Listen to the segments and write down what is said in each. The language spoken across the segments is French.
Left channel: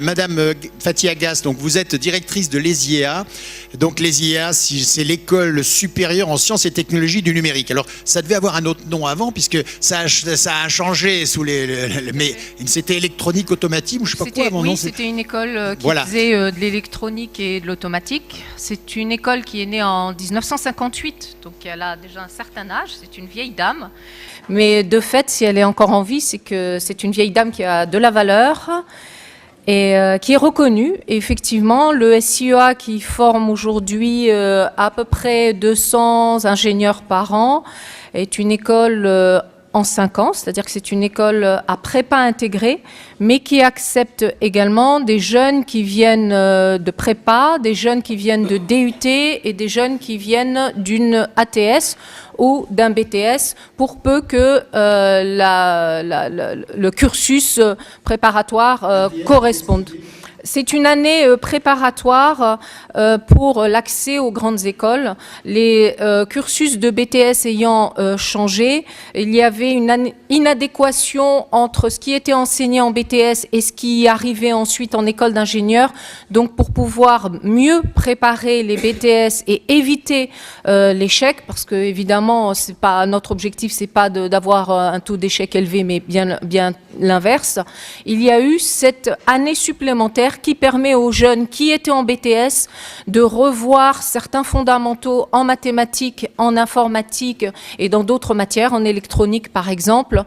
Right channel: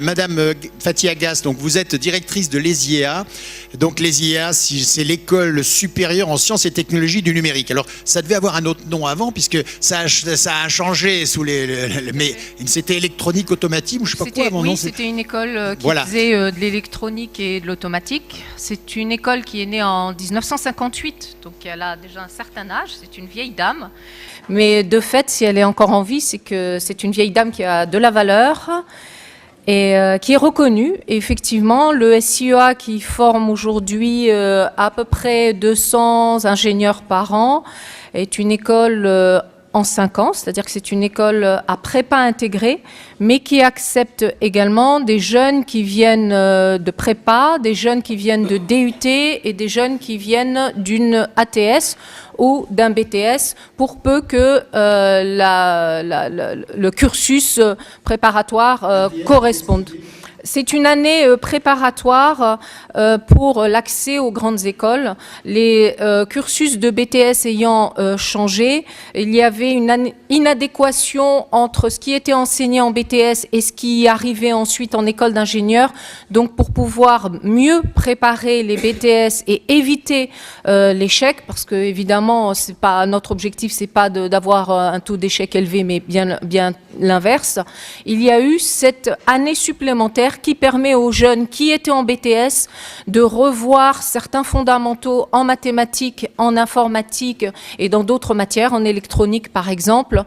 Madame Fathia Gass, donc vous êtes directrice de l'ESIEA. Donc l'ESIEA, c'est l'école supérieure en sciences et technologies du numérique. Alors ça devait avoir un autre nom avant, puisque ça a changé sous mais c'était électronique automatique ou je sais pas quoi avant. Oui, c'était une école qui faisait de l'électronique et de l'automatique. C'est une école qui est née en 1958, donc elle a déjà un certain âge. C'est une vieille dame, mais de fait, si elle est encore en vie, c'est que c'est une vieille dame qui a de la valeur et qui est reconnue. Et effectivement, le SIEA qui forme aujourd'hui à peu près 200 ingénieurs par an est une école en 5 ans, c'est-à-dire que c'est une école à prépa intégrée, mais qui accepte également des jeunes qui viennent de prépa, des jeunes qui viennent de DUT et des jeunes qui viennent d'une ATS ou d'un BTS, pour peu que le cursus préparatoire corresponde. C'est une année préparatoire pour l'accès aux grandes écoles. Les cursus de BTS ayant changé, il y avait une inadéquation entre ce qui était enseigné en BTS et ce qui arrivait ensuite en école d'ingénieur. Donc pour pouvoir mieux préparer les BTS et éviter l'échec, parce que évidemment c'est pas notre objectif, c'est pas d'avoir un taux d'échec élevé, mais bien l'inverse. Il y a eu cette année supplémentaire qui permet aux jeunes qui étaient en BTS de revoir certains fondamentaux en mathématiques, en informatique et dans d'autres matières, en électronique par exemple,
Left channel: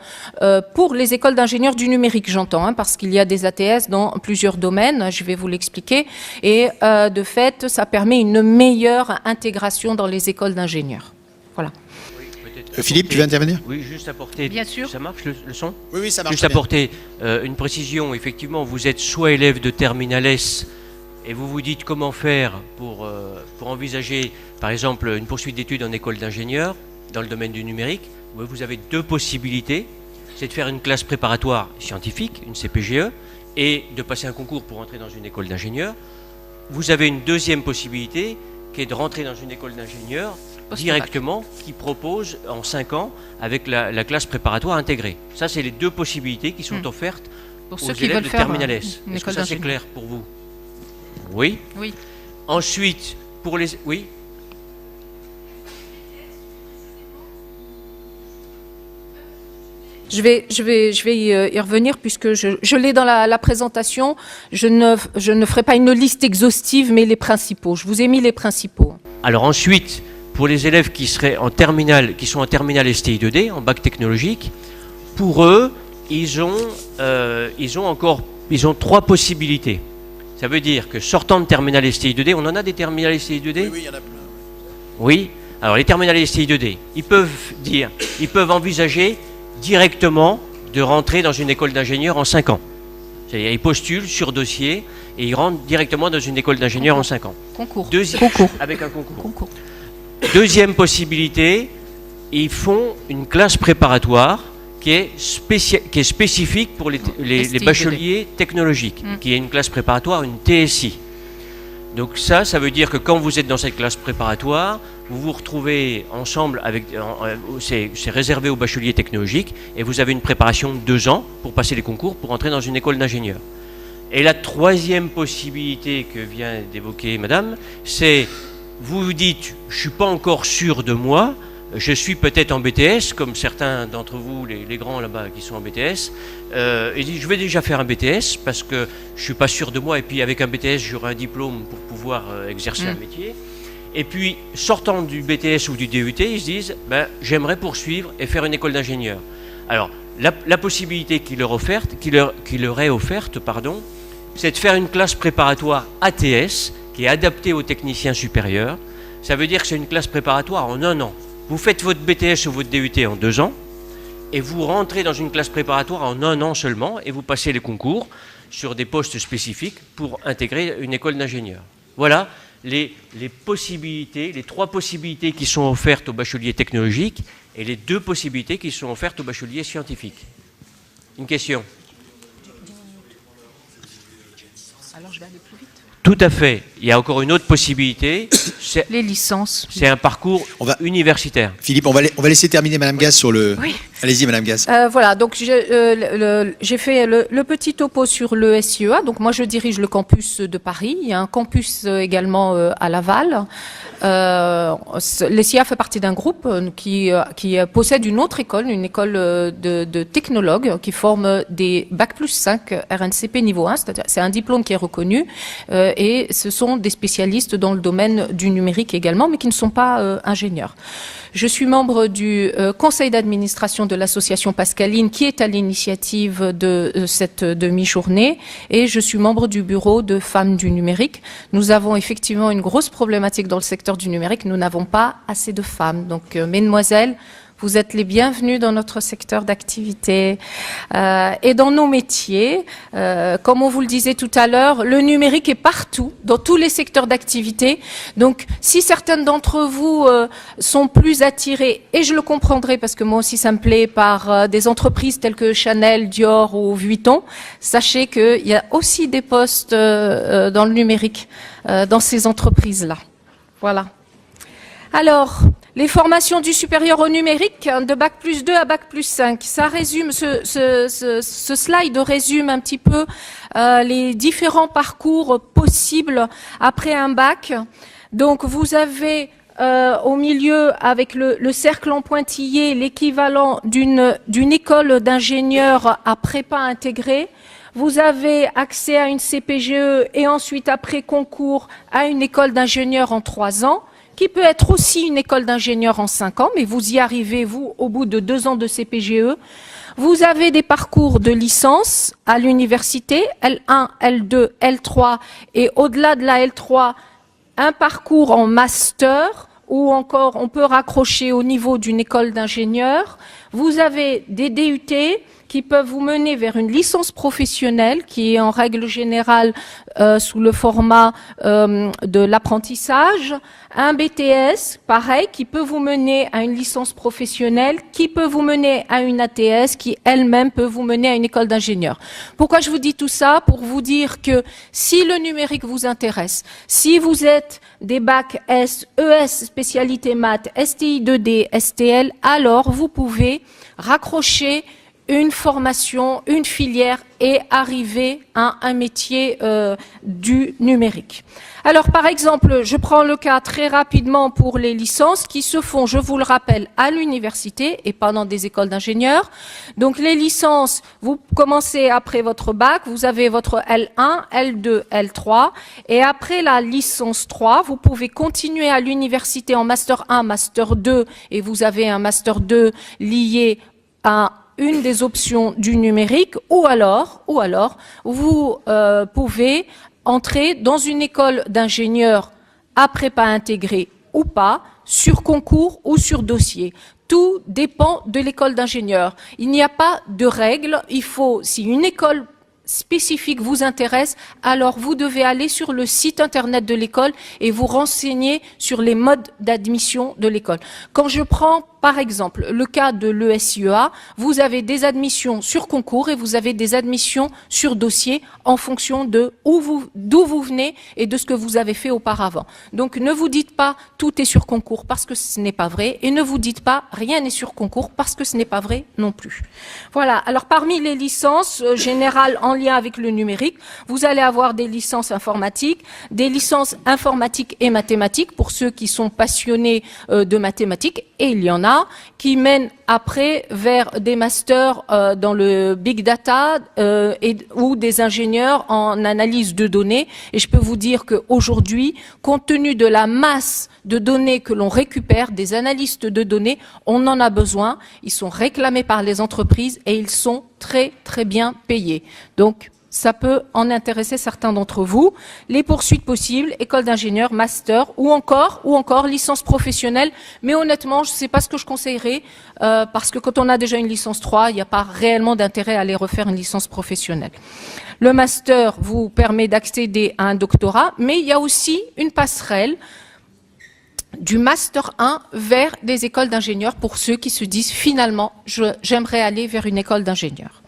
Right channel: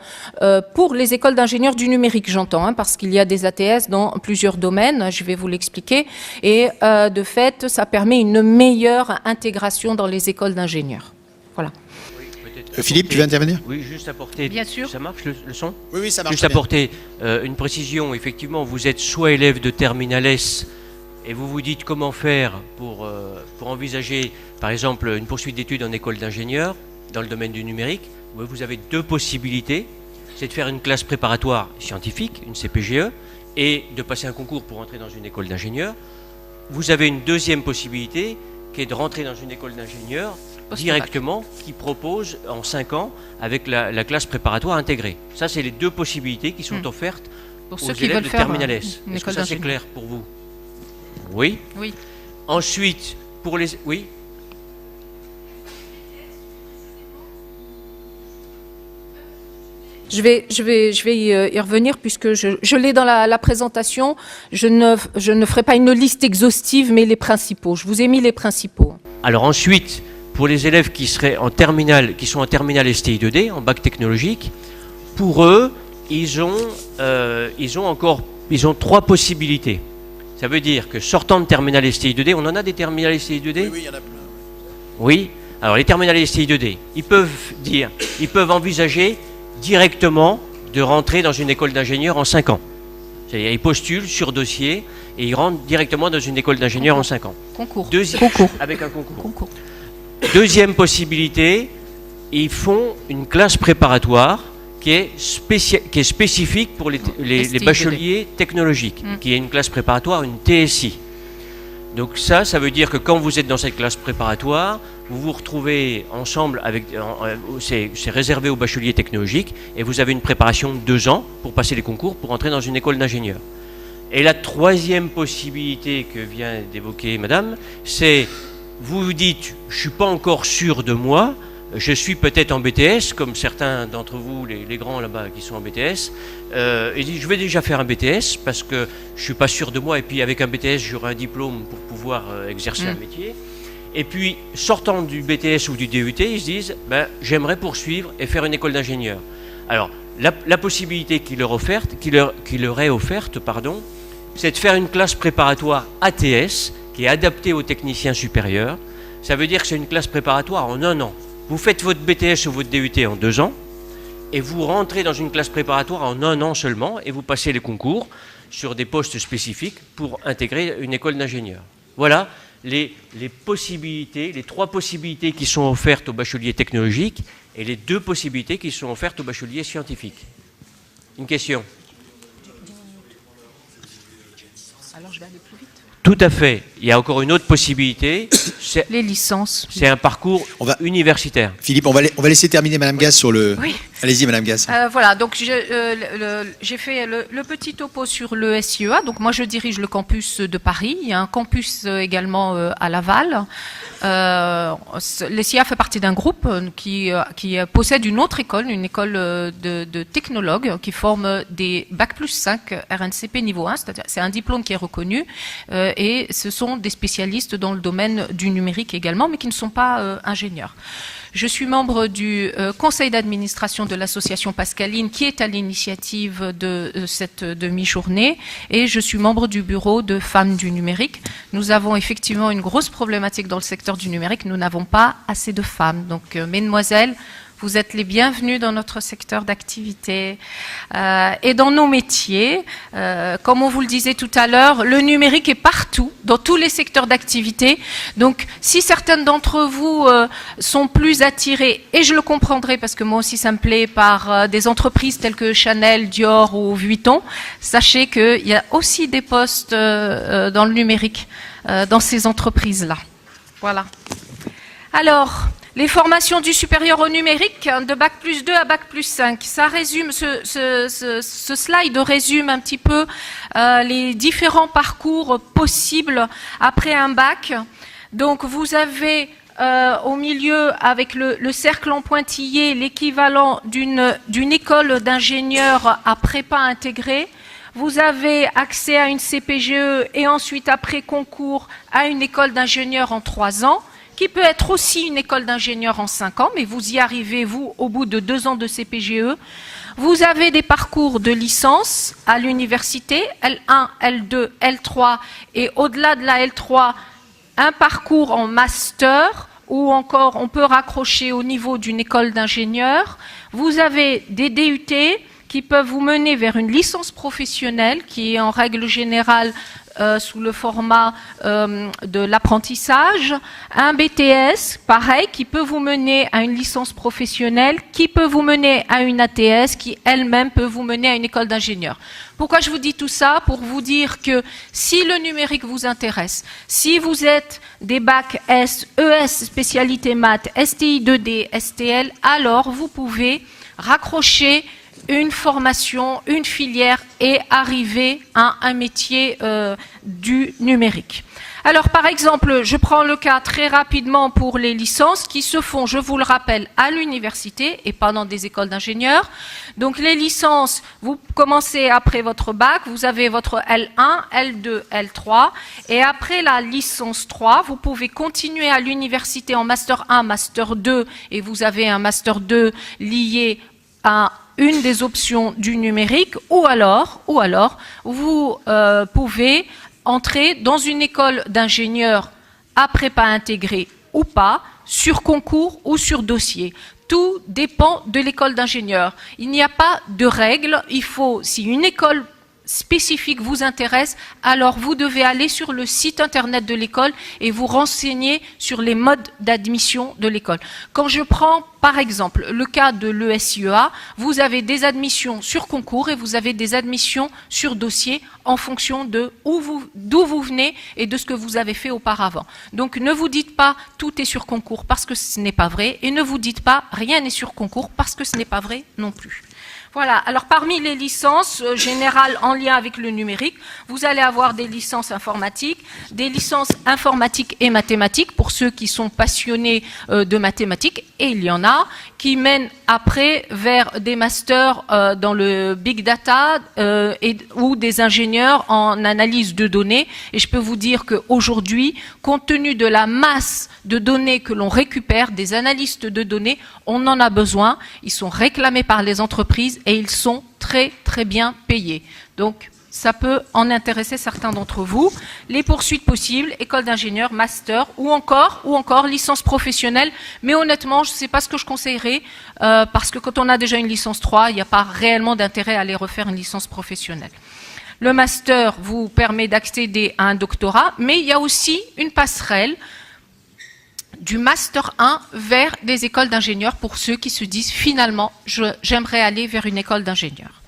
pour les écoles d'ingénieurs du numérique, j'entends, parce qu'il y a des ATS dans plusieurs domaines, je vais vous l'expliquer, et de fait, ça permet une meilleure intégration dans les écoles d'ingénieurs. Voilà. Philippe, tu veux intervenir? Oui, juste apporter... Bien sûr. Ça marche le son? Oui, ça marche. Juste apporter une précision. Effectivement, vous êtes soit élève de Terminal S et vous vous dites comment faire pour envisager, par exemple, une poursuite d'études en école d'ingénieur dans le domaine du numérique. Vous avez deux possibilités. C'est de faire une classe préparatoire scientifique, une CPGE, et de passer un concours pour entrer dans une école d'ingénieur. Vous avez une deuxième possibilité qui est de rentrer dans une école d'ingénieur directement, qui propose en 5 ans avec la classe préparatoire intégrée. Ça, c'est les deux possibilités qui sont offertes pour aux ceux qui élèves veulent de faire Terminal S. Est-ce que ça, c'est clair pour vous? Oui. Oui. Ensuite, pour les... Oui. Je vais y revenir puisque je l'ai dans la présentation. Je ne ferai pas une liste exhaustive, mais les principaux. Je vous ai mis les principaux. Alors ensuite, pour les élèves qui seraient en terminale, qui sont en terminale STI2D, en bac technologique, pour eux, ils ont 3 possibilités. Ça veut dire que sortant de terminale STI2D, on en a des terminales STI2D? Oui, il y en a plein. Oui. Alors les terminales STI2D, ils peuvent envisager directement de rentrer dans une école d'ingénieur en 5 ans. C'est-à-dire, ils postulent sur dossier et ils rentrent directement dans une école d'ingénieur en 5 ans. Concours. Avec un concours. Deuxième possibilité, ils font une classe préparatoire qui est spécifique pour les bacheliers technologiques, qui est une classe préparatoire, une TSI. Donc ça veut dire que quand vous êtes dans cette classe préparatoire, vous vous retrouvez ensemble avec, c'est réservé aux bacheliers technologiques, et vous avez une préparation de 2 ans pour passer les concours, pour entrer dans une école d'ingénieur. Et la troisième possibilité que vient d'évoquer madame, c'est, vous vous dites, je ne suis pas encore sûr de moi, je suis peut-être en BTS, comme certains d'entre vous, les grands là-bas qui sont en BTS, et disent, je vais déjà faire un BTS parce que je ne suis pas sûr de moi, et puis avec un BTS, j'aurai un diplôme pour pouvoir exercer un métier. Et puis, sortant du BTS ou du DUT, ils se disent, j'aimerais poursuivre et faire une école d'ingénieur. Alors, la possibilité qui leur est offerte, c'est de faire une classe préparatoire ATS, qui est adaptée aux techniciens supérieurs. Ça veut dire que c'est une classe préparatoire en 1 an. Vous faites votre BTS ou votre DUT en 2 ans, et vous rentrez dans une classe préparatoire en 1 an seulement, et vous passez les concours sur des postes spécifiques pour intégrer une école d'ingénieur. Voilà les possibilités, les 3 possibilités qui sont offertes aux bacheliers technologiques et les 2 possibilités qui sont offertes aux bacheliers scientifiques. Une question? Alors je vais aller plus vite. Tout à fait. Il y a encore une autre possibilité. Les licences. C'est un parcours universitaire. Philippe, on va laisser terminer madame Gass sur le... Oui. Allez-y, Madame Gaz. Voilà, donc j'ai fait le petit topo sur le SIEA. Donc moi, je dirige le campus de Paris. Il y a un campus également à Laval. Le SIEA fait partie d'un groupe qui possède une autre école, une école de technologues qui forme des Bac+5 RNCP niveau 1. C'est-à-dire, c'est un diplôme qui est reconnu et ce sont des spécialistes dans le domaine du numérique également, mais qui ne sont pas ingénieurs. Je suis membre du conseil d'administration de l'association Pascaline qui est à l'initiative de cette demi-journée et je suis membre du bureau de femmes du numérique. Nous avons effectivement une grosse problématique dans le secteur du numérique. Nous n'avons pas assez de femmes. Donc, mesdemoiselles, vous êtes les bienvenus dans notre secteur d'activité et dans nos métiers. Comme on vous le disait tout à l'heure, le numérique est partout, dans tous les secteurs d'activité. Donc, si certaines d'entre vous sont plus attirées, et je le comprendrai parce que moi aussi ça me plaît, par des entreprises telles que Chanel, Dior ou Vuitton, sachez qu'il y a aussi des postes dans le numérique, dans ces entreprises-là. Voilà. Alors, les formations du supérieur au numérique, de Bac+2 à Bac+5, ça résume, ce slide résume un petit peu les différents parcours possibles après un bac. Donc, vous avez au milieu, avec le cercle en pointillé, l'équivalent d'une école d'ingénieur à prépa intégrée. Vous avez accès à une CPGE et ensuite, après concours, à une école d'ingénieur en 3 ans. Qui peut être aussi une école d'ingénieur en 5 ans, mais vous y arrivez, vous, au bout de 2 ans de CPGE. Vous avez des parcours de licence à l'université, L1, L2, L3, et au-delà de la L3, un parcours en master, ou encore on peut raccrocher au niveau d'une école d'ingénieur. Vous avez des DUT qui peuvent vous mener vers une licence professionnelle, qui est en règle générale sous le format de l'apprentissage, un BTS, pareil, qui peut vous mener à une licence professionnelle, qui peut vous mener à une ATS, qui elle-même peut vous mener à une école d'ingénieur. Pourquoi je vous dis tout ça? Pour vous dire que si le numérique vous intéresse, si vous êtes des bacs S, ES, spécialité maths, STI 2D, STL, alors vous pouvez raccrocher une formation, une filière et arriver à un métier du numérique. Alors, par exemple, je prends le cas très rapidement pour les licences qui se font, je vous le rappelle, à l'université et pas dans des écoles d'ingénieurs. Donc, les licences, vous commencez après votre bac, vous avez votre L1, L2, L3 et après la licence 3, vous pouvez continuer à l'université en Master 1, Master 2 et vous avez un Master 2 lié à une des options du numérique ou alors vous pouvez entrer dans une école d'ingénieur à prépa intégrée ou pas, sur concours ou sur dossier. Tout dépend de l'école d'ingénieur. Il n'y a pas de règle. Il faut, si une école spécifique vous intéresse, alors vous devez aller sur le site internet de l'école et vous renseigner sur les modes d'admission de l'école. Quand je prends par exemple le cas de l'ESIEA, vous avez des admissions sur concours et vous avez des admissions sur dossier en fonction de d'où vous venez et de ce que vous avez fait auparavant. Donc ne vous dites pas tout est sur concours parce que ce n'est pas vrai et ne vous dites pas rien n'est sur concours parce que ce n'est pas vrai non plus. Voilà, alors parmi les licences générales en lien avec le numérique, vous allez avoir des licences informatiques et mathématiques pour ceux qui sont passionnés de mathématiques et il y en a qui mènent après vers des masters dans le big data ou des ingénieurs en analyse de données. Et je peux vous dire qu'aujourd'hui, compte tenu de la masse de données que l'on récupère, des analystes de données, on en a besoin. Ils sont réclamés par les entreprises et ils sont très très bien payés. Donc, ça peut en intéresser certains d'entre vous. Les poursuites possibles, école d'ingénieur, master ou encore licence professionnelle. Mais honnêtement, je ne sais pas ce que je conseillerais parce que quand on a déjà une licence 3, il n'y a pas réellement d'intérêt à aller refaire une licence professionnelle. Le master vous permet d'accéder à un doctorat, mais il y a aussi une passerelle du master 1 vers des écoles d'ingénieurs pour ceux qui se disent finalement, j'aimerais aller vers une école d'ingénieur.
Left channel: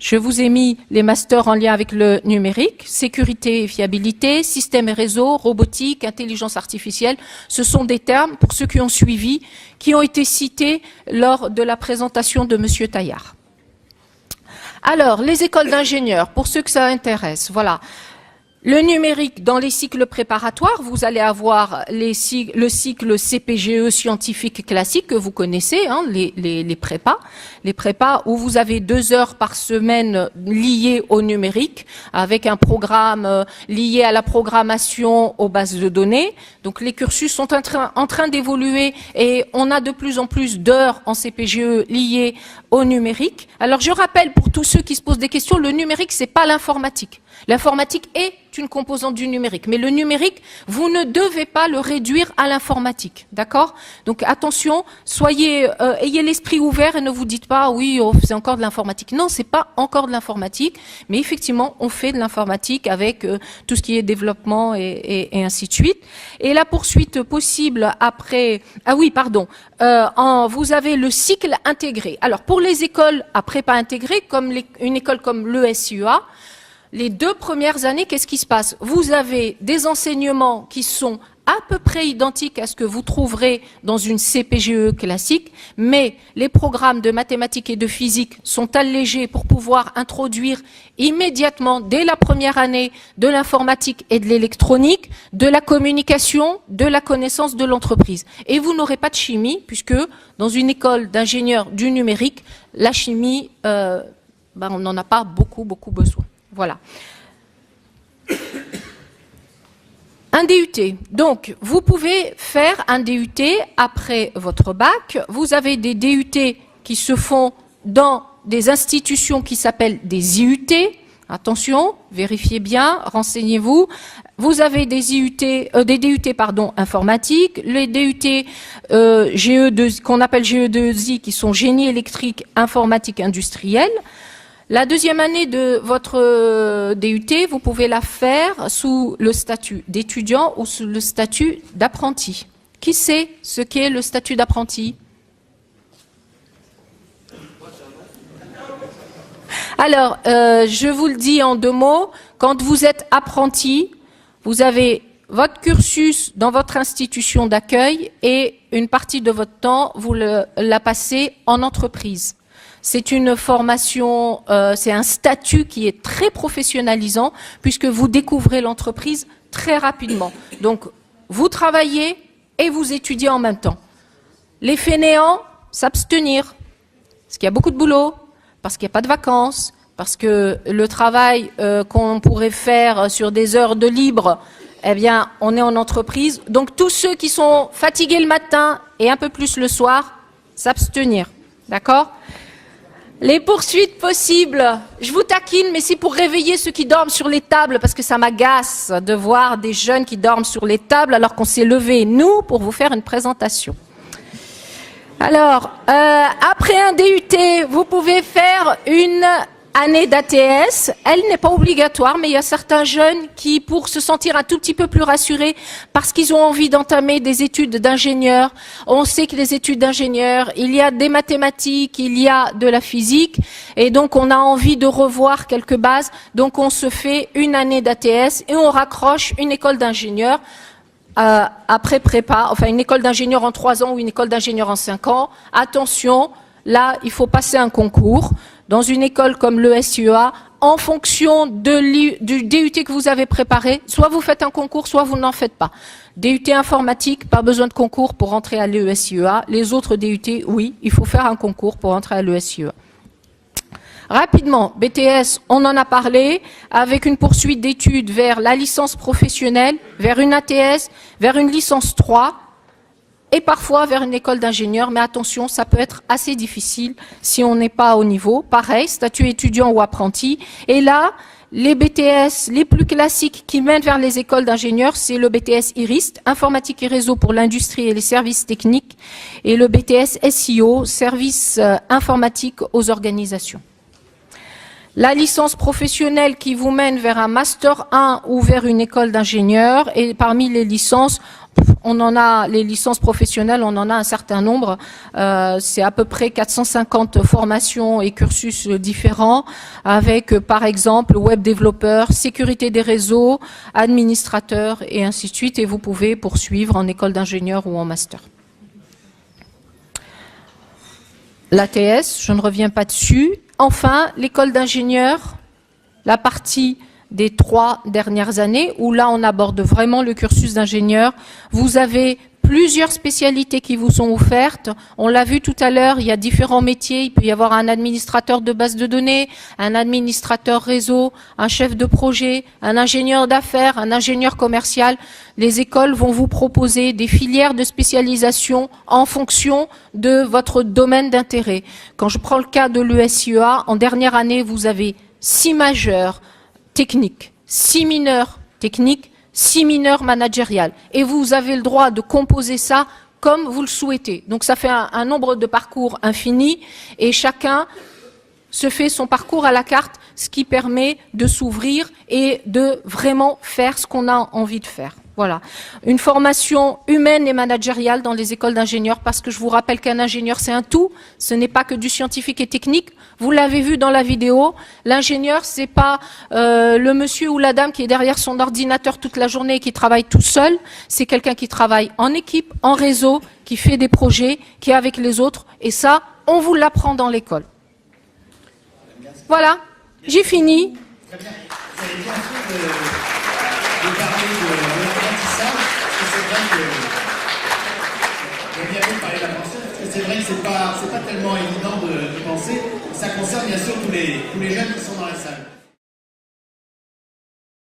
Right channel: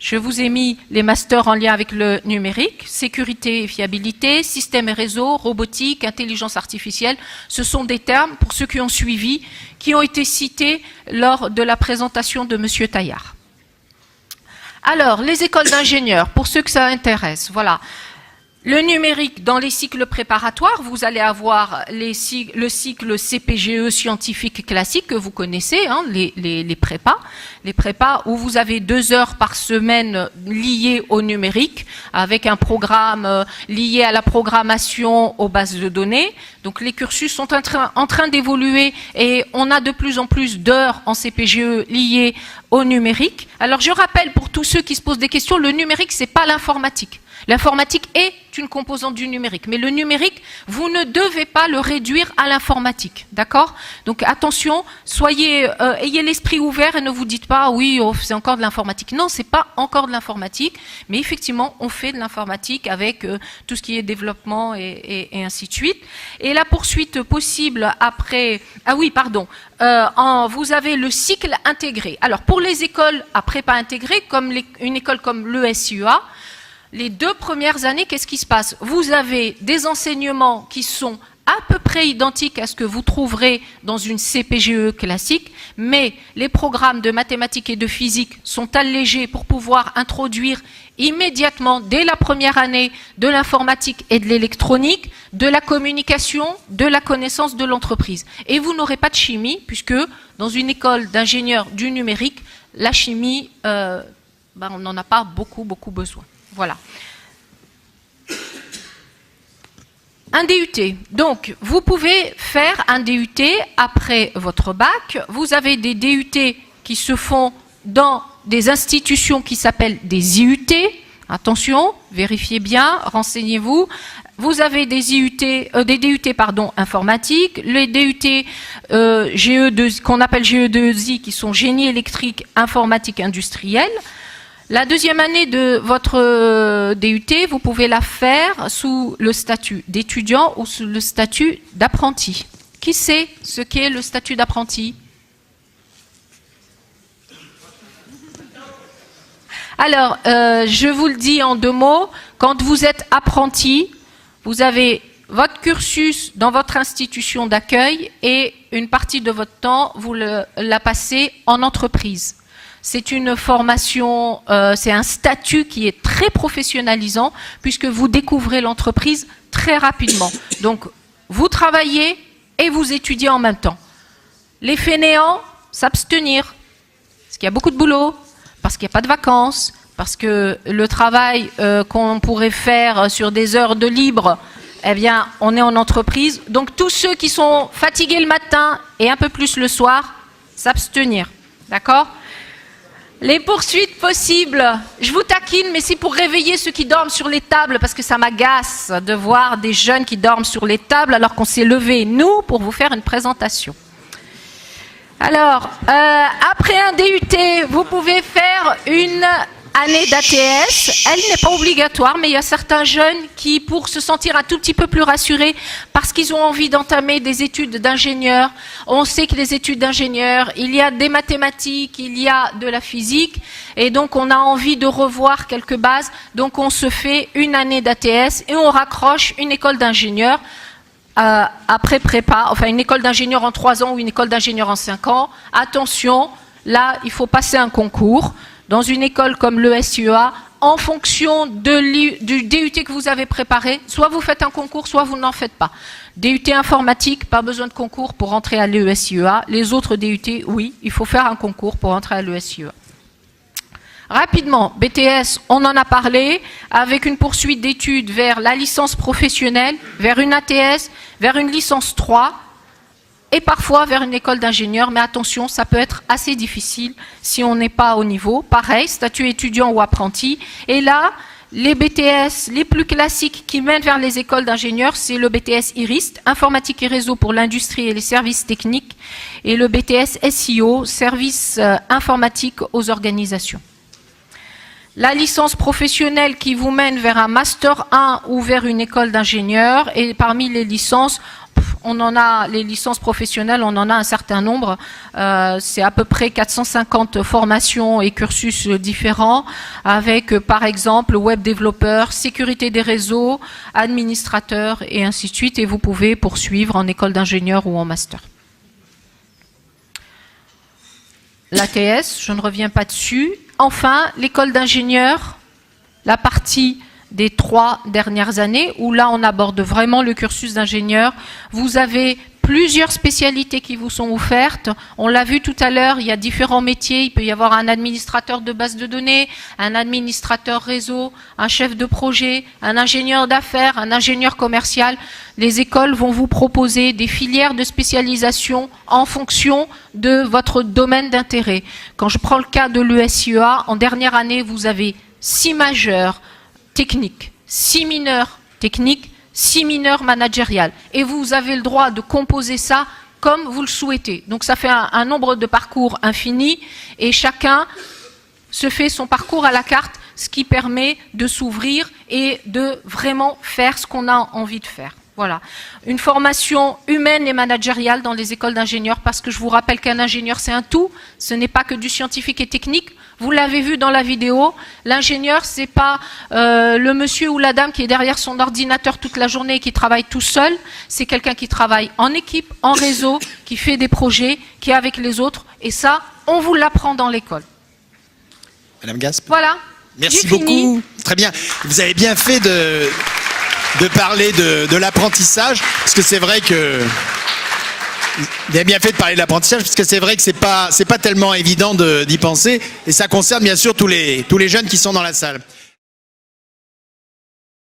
Je vous ai mis les masters en lien avec le numérique, sécurité et fiabilité, système et réseau, robotique, intelligence artificielle. Ce sont des termes, pour ceux qui ont suivi, qui ont été cités lors de la présentation de M. Taillard. Alors, les écoles d'ingénieurs, pour ceux que ça intéresse, voilà. Le numérique, dans les cycles préparatoires, vous allez avoir le cycle CPGE scientifique classique que vous connaissez, hein, les prépas. Les prépas où vous avez 2 heures par semaine liées au numérique, avec un programme lié à la programmation aux bases de données. Donc les cursus sont en train d'évoluer et on a de plus en plus d'heures en CPGE liées au numérique. Alors je rappelle pour tous ceux qui se posent des questions, le numérique, c'est pas l'informatique. L'informatique est une composante du numérique, mais le numérique, vous ne devez pas le réduire à l'informatique, d'accord? Donc attention, ayez l'esprit ouvert et ne vous dites pas, oui, c'est encore de l'informatique. Non, c'est pas encore de l'informatique, mais effectivement, on fait de l'informatique avec tout ce qui est développement et ainsi de suite. Et la poursuite possible après, vous avez le cycle intégré. Alors pour les écoles à prépa intégrée, comme une école comme l'ESUA, les 2 premières années, qu'est-ce qui se passe? Vous avez des enseignements qui sont à peu près identiques à ce que vous trouverez dans une CPGE classique, mais les programmes de mathématiques et de physique sont allégés pour pouvoir introduire immédiatement, dès la première année, de l'informatique et de l'électronique, de la communication, de la connaissance de l'entreprise. Et vous n'aurez pas de chimie, puisque dans une école d'ingénieurs du numérique, la chimie, on n'en a pas beaucoup besoin. Voilà. Un DUT. Donc, vous pouvez faire un DUT après votre bac. Vous avez des DUT qui se font dans des institutions qui s'appellent des IUT. Attention, vérifiez bien, renseignez-vous. Vous avez des DUT informatiques, les DUT qu'on appelle GE2I qui sont génie électrique, informatique, industriel. La deuxième année de votre DUT, vous pouvez la faire sous le statut d'étudiant ou sous le statut d'apprenti. Qui sait ce qu'est le statut d'apprenti? Alors, je vous le dis en 2 mots, quand vous êtes apprenti, vous avez votre cursus dans votre institution d'accueil et une partie de votre temps, vous la passez en entreprise. C'est une formation, c'est un statut qui est très professionnalisant puisque vous découvrez l'entreprise très rapidement. Donc, vous travaillez et vous étudiez en même temps. Les fainéants, s'abstenir, parce qu'il y a beaucoup de boulot, parce qu'il n'y a pas de vacances, parce que le travail qu'on pourrait faire sur des heures de libre, eh bien, on est en entreprise. Donc, tous ceux qui sont fatigués le matin et un peu plus le soir, s'abstenir. D'accord ? Les poursuites possibles, je vous taquine, mais c'est pour réveiller ceux qui dorment sur les tables, parce que ça m'agace de voir des jeunes qui dorment sur les tables alors qu'on s'est levés, nous, pour vous faire une présentation. Alors, après un DUT, vous pouvez faire une année d'ATS. Elle n'est pas obligatoire, mais il y a certains jeunes qui, pour se sentir un tout petit peu plus rassurés, parce qu'ils ont envie d'entamer des études d'ingénieur, on sait que les études d'ingénieur, il y a des mathématiques, il y a de la physique, et donc on a envie de revoir quelques bases, donc on se fait une année d'ATS et on raccroche une école d'ingénieur après prépa, enfin une école d'ingénieur en 3 ans ou une école d'ingénieur en 5 ans. Attention, là, il faut passer un concours. Dans une école comme l'ESUA, en fonction du DUT que vous avez préparé, soit vous faites un concours, soit vous n'en faites pas. DUT informatique, pas besoin de concours pour entrer à l'ESUA. Les autres DUT, oui, il faut faire un concours pour entrer à l'ESUA. Rapidement, BTS, on en a parlé, avec une poursuite d'études vers la licence professionnelle, vers une ATS, vers une licence 3, et parfois vers une école d'ingénieur, mais attention, ça peut être assez difficile si on n'est pas au niveau. Pareil, statut étudiant ou apprenti. Et là, les BTS les plus classiques qui mènent vers les écoles d'ingénieurs, c'est le BTS IRIST, informatique et réseau pour l'industrie et les services techniques, et le BTS SIO, service informatique aux organisations. La licence professionnelle qui vous mène vers un Master 1 ou vers une école d'ingénieur. Et parmi les licences, les licences professionnelles, on en a un certain nombre. C'est à peu près 450 formations et cursus différents, avec par exemple web développeur, sécurité des réseaux, administrateur et ainsi de suite. Et vous pouvez poursuivre en école d'ingénieur ou en master. L'ATS, je ne reviens pas dessus. Enfin, l'école d'ingénieur, la partie des 3 dernières années, où là on aborde vraiment le cursus d'ingénieur. Vous avez plusieurs spécialités qui vous sont offertes. On l'a vu tout à l'heure, il y a différents métiers. Il peut y avoir un administrateur de base de données, un administrateur réseau, un chef de projet, un ingénieur d'affaires, un ingénieur commercial. Les écoles vont vous proposer des filières de spécialisation en fonction de votre domaine d'intérêt. Quand je prends le cas de l'ESIEA, en dernière année, vous avez 6 majeurs techniques, 6 mineurs techniques, 6 mineurs managériales. Et vous avez le droit de composer ça comme vous le souhaitez. Donc ça fait un nombre de parcours infini et chacun se fait son parcours à la carte, ce qui permet de s'ouvrir et de vraiment faire ce qu'on a envie de faire. Voilà. Une formation humaine et managériale dans les écoles d'ingénieurs, parce que je vous rappelle qu'un ingénieur, c'est un tout. Ce n'est pas que du scientifique et technique. Vous l'avez vu dans la vidéo. L'ingénieur, c'est pas le monsieur ou la dame qui est derrière son ordinateur toute la journée et qui travaille tout seul. C'est quelqu'un qui travaille en équipe, en réseau, qui fait des projets, qui est avec les autres. Et ça, on vous l'apprend dans l'école. Madame Gasp. Voilà. Merci beaucoup. Fini. Très bien. Vous avez bien fait de parler de l'apprentissage, parce que c'est vrai que vous avez bien fait de parler de l'apprentissage, parce que c'est vrai que c'est pas tellement évident d'y penser, et ça concerne bien sûr tous les jeunes qui sont dans la salle.